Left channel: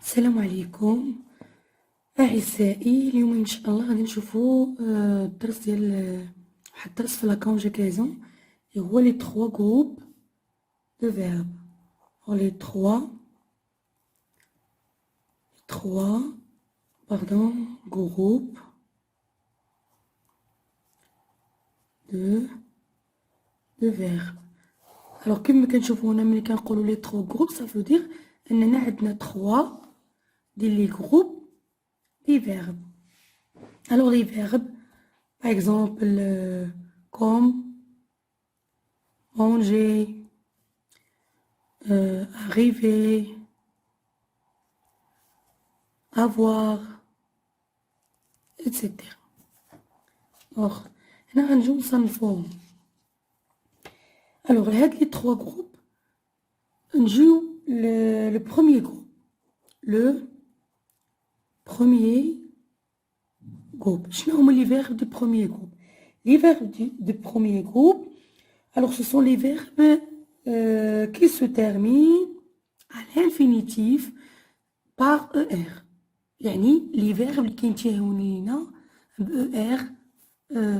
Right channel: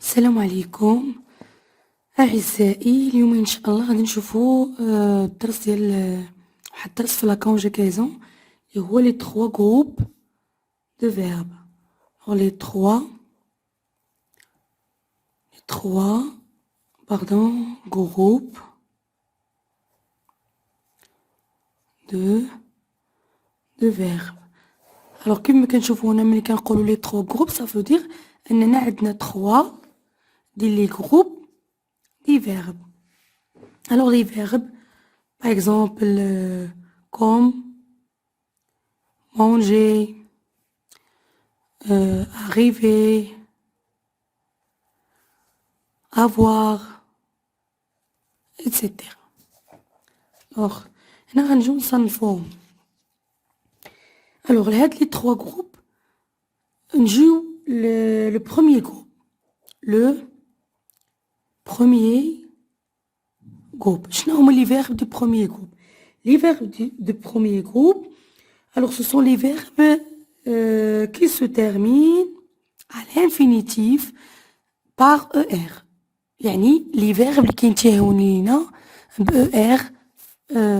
السلام عليكم أعزائي. اليوم إن شاء الله غادي نشوفو الدرس ديال واحد الدرس في لا كونجوغاسيون اللي هو لي تخوا جروب دو فيرب. لي تخوا جروب دو فيرب. الوغ كيما كنشوفو هنا ملي كنقولو لي تخوا جروب صافو دير اننا عندنا تخوا ديال لي جروب دي فيرب. Alors les verbes, par exemple, comme, manger, arriver, avoir, etc. Alors, هنا غنجيو نصنفوهم. Alors هاد les trois groupes نجيو le premier groupe. Le premier groupe. شنو هما les verbes du premier groupe? Les verbes du premier groupe, alors ce sont les verbes qui se terminent à l'infinitif par ER. يعني les verbes اللي كينتهيو لينا ب ER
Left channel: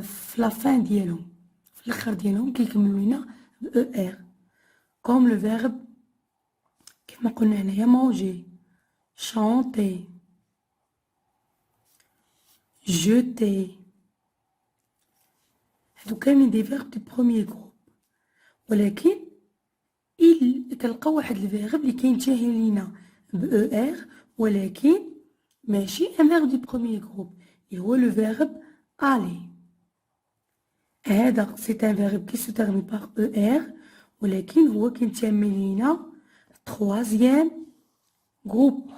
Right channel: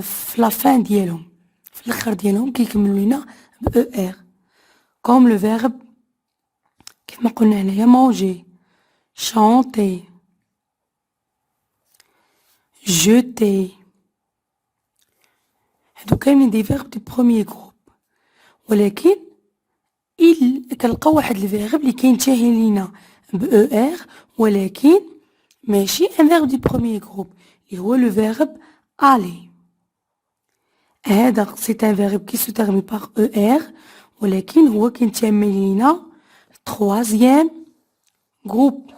في la fin ديالهم، في الاخر ديالهم كيكملوا لينا ب ER. comme le verbe كيما قلنا هنايا manger, chanter, jeter. هادو كاملين دي فيرب دو بروميير جروب، ولكن كنلقاو واحد الفيرب اللي كينتهي لينا ب او ار ولكن ماشي ان فيرب دو بروميير جروب اللي هو لو فيرب aller. هذا سي ان فيرب كي سو تيرمي باغ او ار ولكن هو كينتمي لينا تروازيام جروب.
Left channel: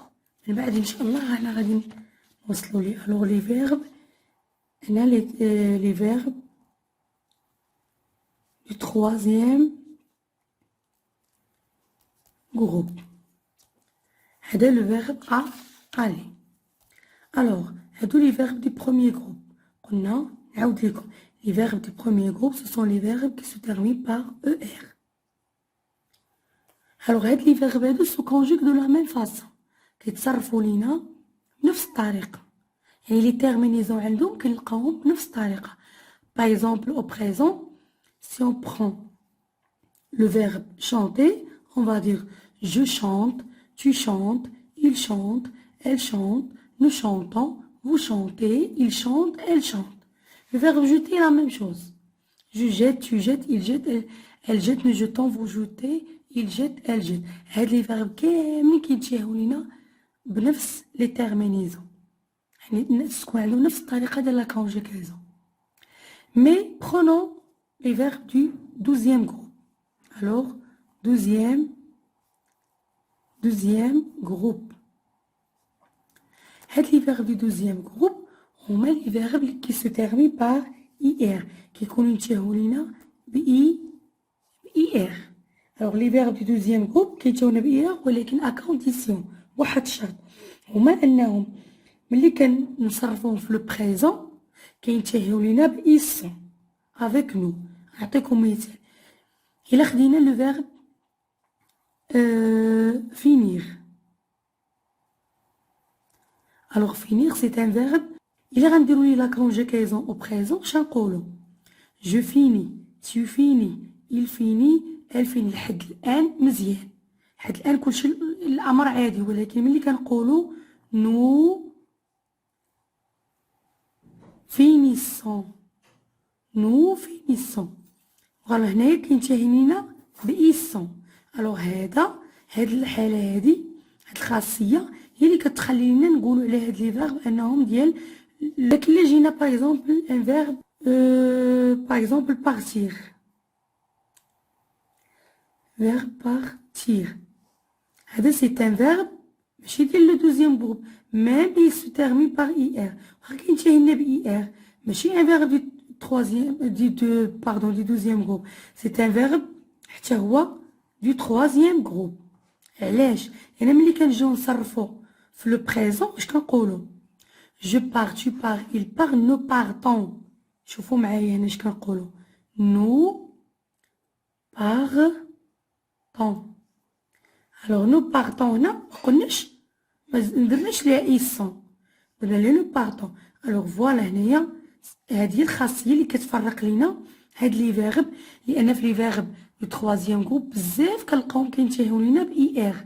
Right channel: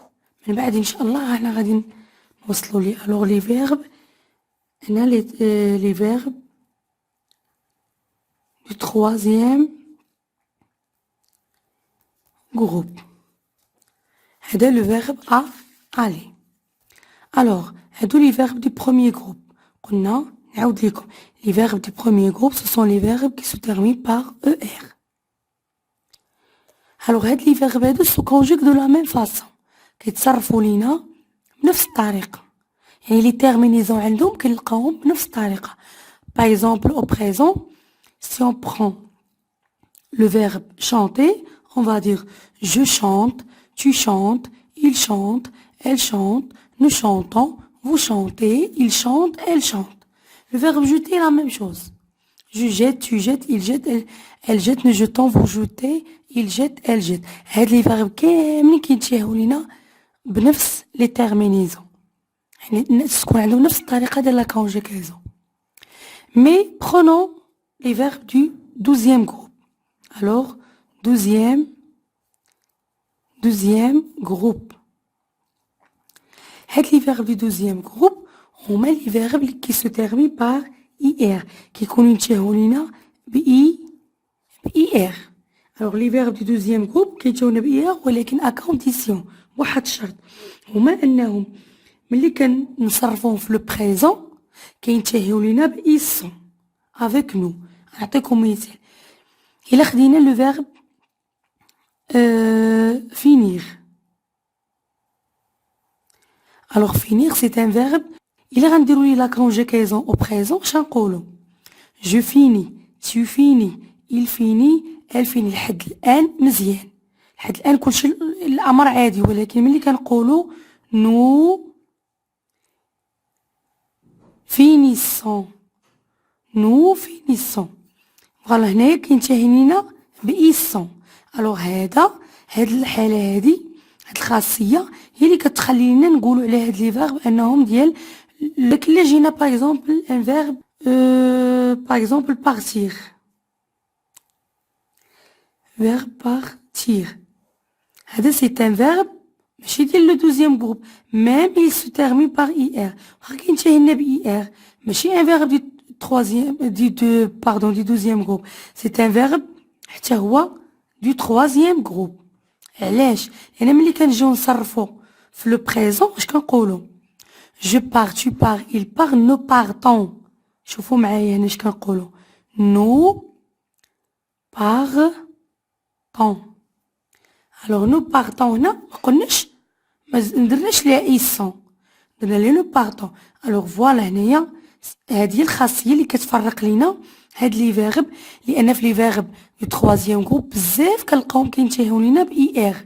من بعد ان شاء الله احنا غادي نوصلوا ليه. الوغ لي فيرب هنا لي فيرب du troisième groupe. هذا le verbe aller. Alors هادو les verbes du premier groupe. قلنا نعاود لكم les verbes du premier groupe ce sont les verbes qui se terminent par ER. Alors هاد les verbes هادو se conjuguent de la même façon. كيتصرفوا لينا بنفس الطريقة، يعني les terminaisons عندهم كنلقاوهم بنفس الطريقة. Par exemple au présent, si on prend le verbe chanter, on va dire je chante, tu chantes, il chante, elle chante, nous chantons, vous chantez, il chante, elle chante. Le verbe jeter est la même chose. Je jette, tu jettes, il jette, elle jette, nous jetons, vous jetez, il jette, elle jette. هاد les verbes كاملين كينتهيو لينا بنفس les terminaisons. يعني تكون عندهم نفس الطريقة ديال la conjugaison. Mais prenons les verbes du 12e groupe. Alors, 12e groupe. Les verbes du 12e groupe, on met les verbes qui se terminent par IR, qui connaissent IR. Alors, les verbes du 12e groupe, qui sont IR, ولكن à condition, واحد شرط، هما أنهم ملي كنصرفوهم في le présent كينتهيو لينا ب ils sont avec nous. نعطيكم مثال. إلا خدينا لو فيرب finir. Alors finir c'est un verbe. إلا غنديرو ليه لا كونجوغاسيون au présent اش غنقولو؟ je finis, tu finis, il finit, elle finit. لحد الآن مزيان، لحد الآن كلشي الأمر عادي، ولكن ملي كنقولو nous finissons فوالا هنايا كينتهي لينا بإيسون. الوغ هاد الحالة هاد الخاصية هي اللي كتخلي لينا نقولو على هاد لي فيرب انهم ديال. لكن الا جينا باغ اكزومبل ان فيرب باغ اكزومبل بارتير، هذا سي ان فيرب ماشي ديال لو دوزيام جروب، ميم il se termine par IR، واخا كينتهي لنا ب IR ماشي ان فيرب دي du 12e groupe. C'est un verbe حتى هو du 3e groupe. علاش؟ يعني ملي كنجيو نصرفو في لو بريزون اش كنقولو؟ je pars, tu pars, il part, nous partons. شوفوا معايا هنا اش كنقولو؟ nous partons. Alors nous partons هنا مقلناش ما درناش ليها إيسون، درنا لي لو باردون. ألوغ فوالا هنايا هادي هي الخاصية اللي كتفرق لينا هاد لي فيرب، لأن في لي فيرب دو تخوازيام جروب بزاف كنلقاوهم كينتهيو لينا بإي إغ،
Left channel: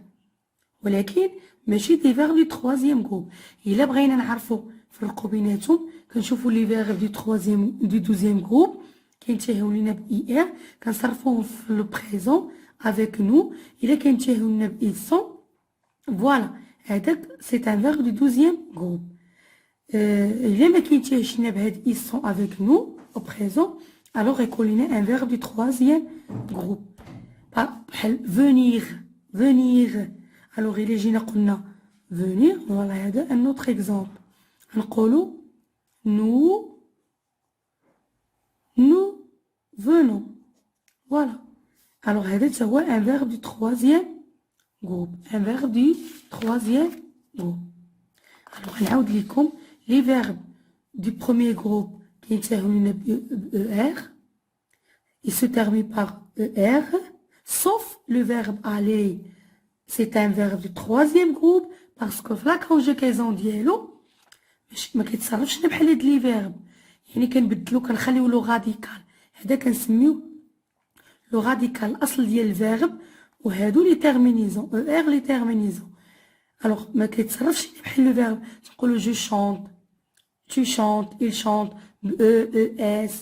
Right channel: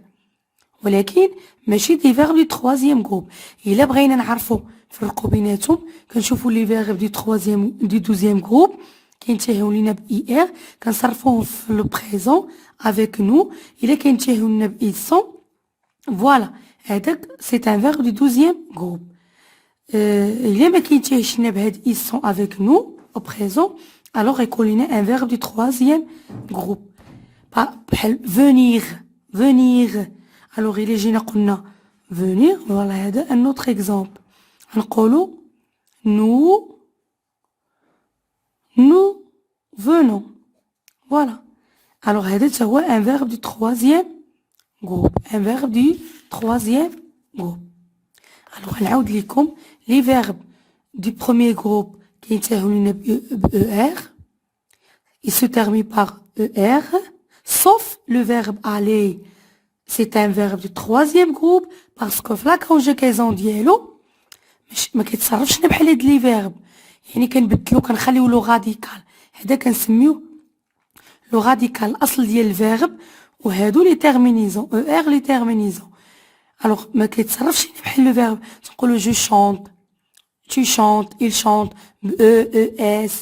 ولكن ماشي دي فيرب دو تخوازيام جروب. إلا بغينا نعرفو نفرقو بيناتهم كنشوفو لي فيرب دو تخوازيام دو دوزيام جروب كينتهيو لينا بإي إغ كنصرفوهم في لو بريزون افيك نو. إلا كينتهيو لينا بإي سون فوالا هذاك سي ان فيرب دو دوزيام جروب. إلا ما كينتهيش لينا بهاد إي سون افيك نو au présent, alors يكون لينا un verbe du troisième groupe. بحال venir, venir. alors إلا جينا قلنا venir, voilà هذا un autre exemple. نقولو nous venons. voilà. alors هذا تا هو un verbe du troisième groupe, un verbe du troisième groupe. alors نعاود لكم les verbes du premier groupe qui ينتهوا ب ER, il se termine par ER, sauf le verbe aller. C'est un verbe du troisième groupe parce que في la conjugaison ديالو ما كيتصرفش بحال هاد لي فيرب، يعني كنبدلو كنخليو لو غاديكال، هذا كنسميو لو غاديكال الاصل ديال الفيرب، وهادو لي تيرمينيزون ER لي تيرمينيزون. الوغ ما كيتصرفش بحال لو فيرب تقولو جو شونط، tu chantes, il chante, E, S,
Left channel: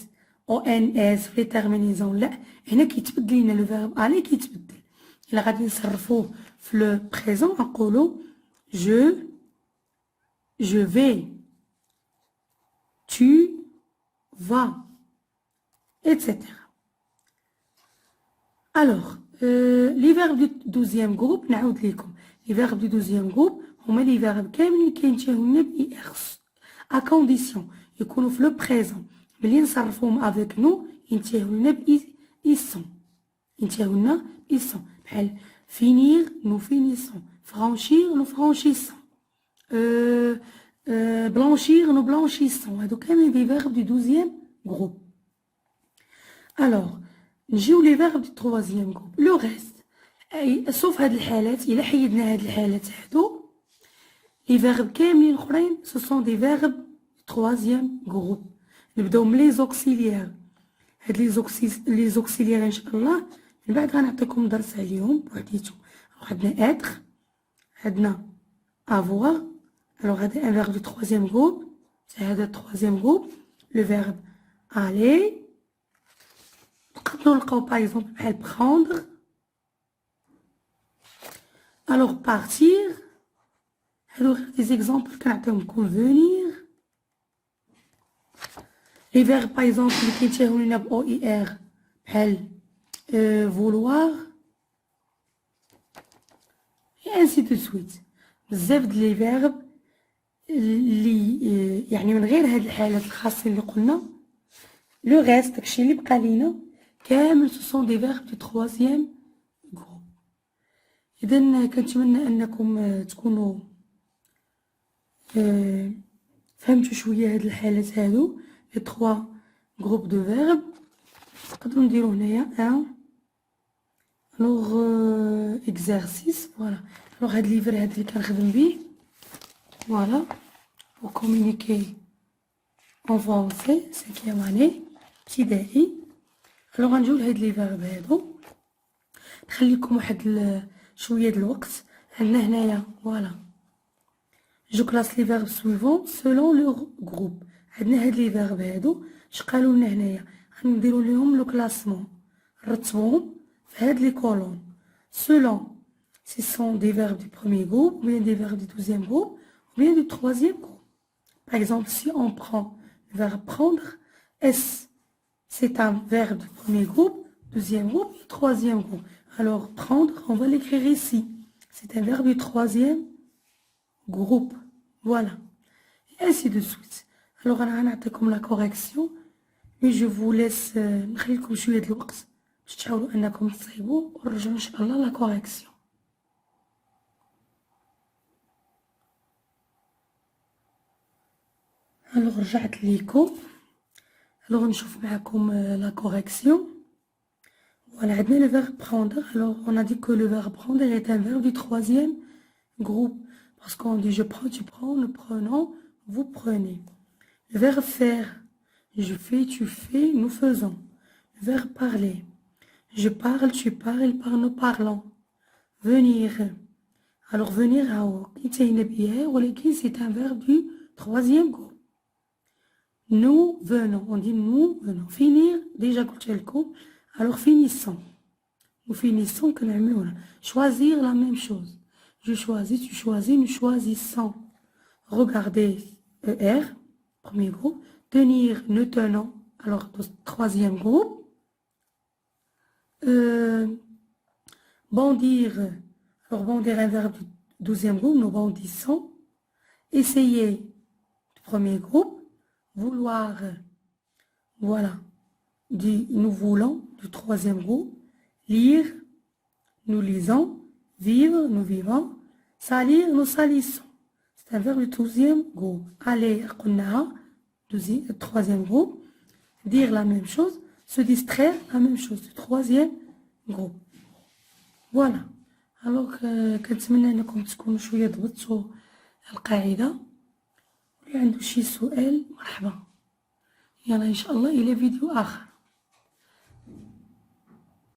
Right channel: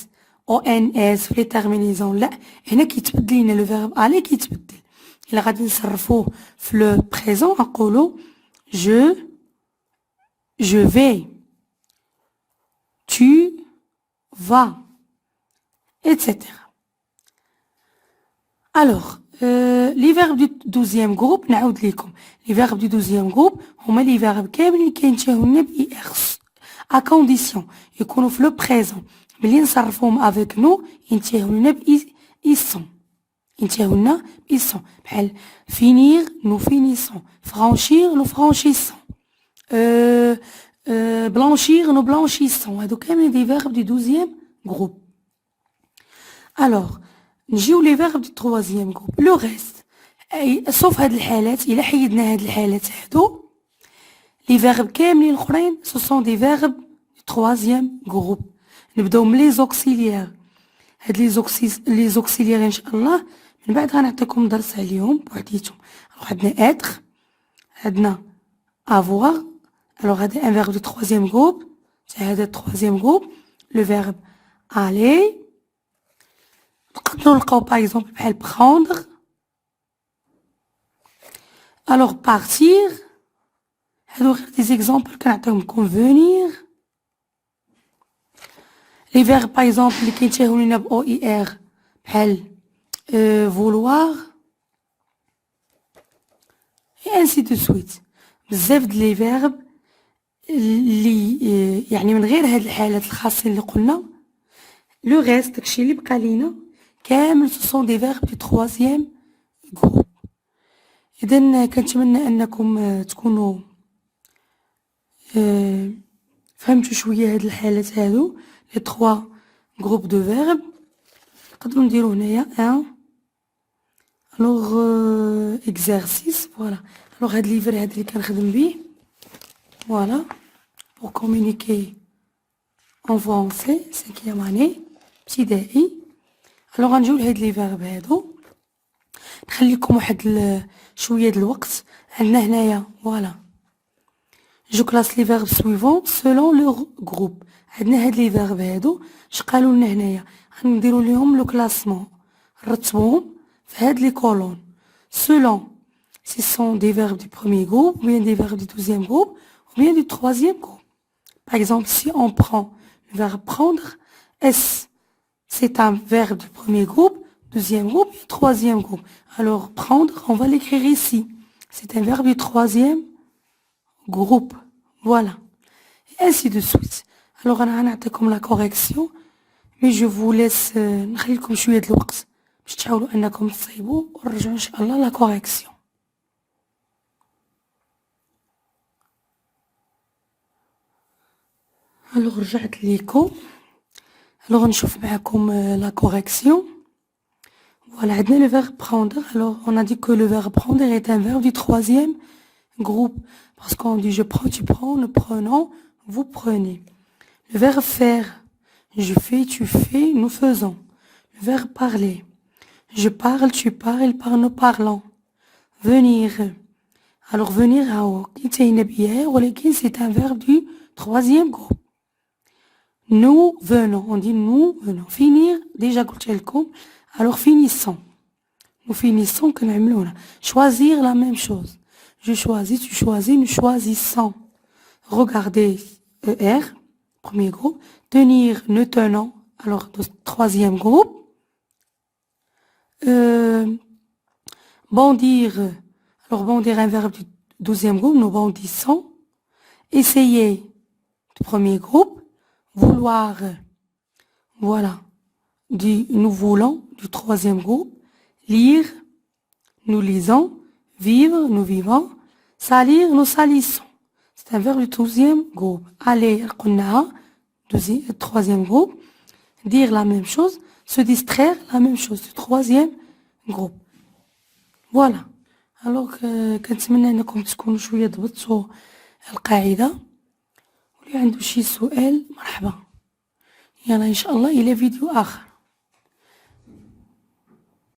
ONS في لي تيرمينيزون. لا هنا كيتبدل لينا لو فيرب الي كيتبدل. إلا غادي نصرفوه في لو بريزون نقولو je vais, tu vas, etc. alors لي فيرب دو دوزيام جروب نعاود ليكم. لي فيرب دو دوزيام جروب هما لي فيرب كاملين كينتهيو لنا بإي إغ à condition يكونوا في لو بريزون. ملي نصرفوهم افيك نو ينتهيو لنا بإي سون، ينتهيو لنا بإي سون. بحال finir nous finissons, franchir nous franchissons, blanchir nous blanchissons. هادو كاملين دي فيرب دو دوزيام جروب. alors نجيو لي فيرب دو تروازيام جروب لو ريست، سوف هاد الحالات. إلا حيدنا هاد الحالات هادو لي فيرب كاملين الاخرين سو سون دي فيرب دو تروازيام جروب. نبداو من لي زوكسيليير. هاد لي زوكسيليير ان شاء الله من بعد غنعطيكم درس عليهم بوحديتهم. عندنا اتر، عندنا افوار. الوغ هذا ان فيرب دو تروازيام جروب، هذا تروازيام جروب. لو فيرب aller نقدروا نلقاو باغ اكزومبل بحال prendre. الوغ partir هادو غير دي زيكزامبل كنعطيهم لكم. venir لي فيرب باغ اكزومبل اللي كينتهيو لينا ب او اي ار بحال vouloir et ainsi de suite. بزاف د لي فيرب اللي يعني من غير هاد الحالات الخاصين اللي قلنا لو ريست داكشي اللي بقى لينا كامل سو سون دي فيرب دو تروازيام جروب. اذا كنتمنى انكم تكونوا فهمتوا شويه هاد الحالات هادو لي 3 جروب دو فيرب. نقدروا نديرو هنايا ان الوغ اكزرسيس. فوالا الوغ هاد ليفر هاد اللي كنخدم بيه فوالا بور كومونيكي اون فرونسي سيكيام اني ابتدائي. الوغ غنجيو لهاد لي فيرب هادو نخليكم واحد شويه د الوقت. عندنا هنايا فوالا جو كلاس لي فيرب سويفون سولون لور جروب. عندنا هاد لي فيرب هادو اش قالوا لنا هنايا غنديرو ليهم لو كلاسمون نرتبوهم في هاد لي كولون selon si ce sont des verbes du premier groupe ou bien des verbes du deuxième groupe ou bien du troisième groupe. Par exemple, si on prend le verbe prendre, c'est un verbe du premier groupe, deuxième groupe et troisième groupe. Alors prendre, on va l'écrire ici. C'est un verbe du troisième groupe. Voilà. Et ainsi de suite. Alors on a comme la correction, mais je vous laisse نخليكم شوية د الوقت باش تحاولوا انكم تصيبوا ونرجعوا ان شاء الله لا كوريكسيون. الوغ رجعت ليكم. الوغ نشوف معكم لا كوريكسيون. فوالا عندنا لو فيرب prendre. alors on a dit que le verbe prendre est un verbe du troisième groupe parce qu'on dit je prends, tu prends, nous prenons, vous prenez. Le verbe faire, je fais, tu fais, nous faisons. Le verbe parler, je parle, tu parles, il parle, nous parlons. Venir, alors venir c'est un verbe du troisième groupe. Nous venons, on dit nous venons. Finir, déjà قلت لكم, alors finissons. Nous finissons que نعملونا. Choisir la même chose. Je choisis, tu choisis, nous choisissons. Regarder, ER, premier groupe. Tenir, nous tenons, alors troisième groupe. Bondir, alors bondir un verbe du deuxième groupe, nous bondissons. Essayer, du premier groupe. Vouloir, voilà, nous voulons, du troisième groupe. Lire, nous lisons. Vivre, nous vivons. Salir, nous salissons. C'est un verbe du deuxième groupe. Aller, troisième groupe. Dire la même chose. Se distraire, la même chose, du troisième groupe. Voilà. Alors كنتمنى انكم تكونوا شويه ضبطتوا القاعده. واللي عنده شي سؤال مرحبا. يلا ان شاء الله الى فيديو اخر.